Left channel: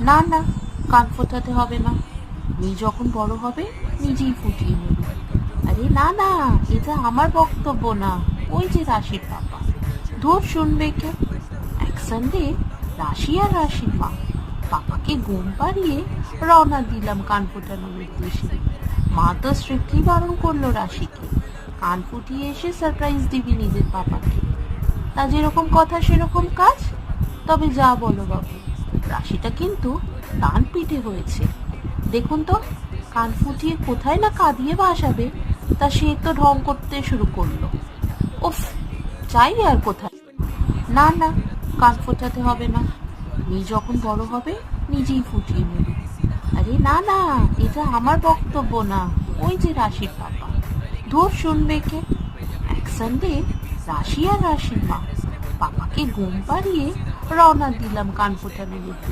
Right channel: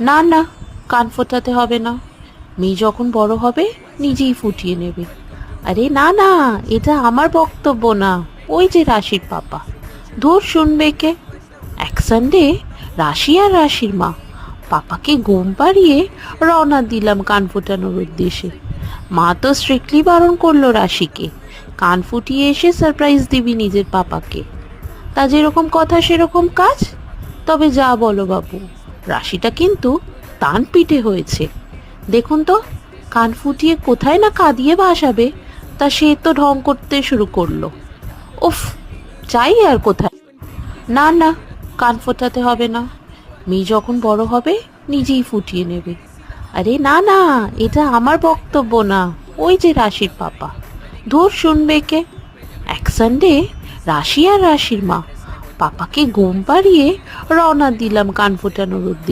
না না, কান ফোটাতে হবে না। মেয়ে যখন বড় হবে নিজেই ফুটিয়ে নেবে। আরে না না, এটা আমার বক্তব্য না, ওই যে রাশির পাপা। ধুর, শুনবে কে? এক সানডে রাশি আর রাশির মা পাপাকে ঘুম পাড়িয়ে রওনা দিলাম কান ফোটানোর উদ্দেশ্যে। মা তো স্ট্রিক্টলি বারণ করলো রাশিকে, কান ফুটিয়ে এসে সারপ্রাইজ দিবি নিজের পাপাকে। তা যেরকম কথা সেরকম কাজ। তবে যা বলো বাবু, রাশিটা কিন্তু দান পিঠে হয়েছে। দেখুন তো, কান ফুটিয়ে কোথায় না কাঁদিয়ে ভাসাবে, তা সে তো ঢং করতে শুরু করলো। উফ, চাই আর কোথায়। না না, কান ফোটাতে হবে না। মেয়ে যখন বড় হবে নিজেই ফুটিয়ে নেবে। আরে না না, এটা আমার বক্তব্য না, ওই যে রাশির পাপা। ধুর, শুনবে কে? এক সানডে রাশি আর রাশির মা পাপাকে ঘুম পাড়িয়ে রওনা দিলাম কান ফোটানোর উদ্দেশ্যে।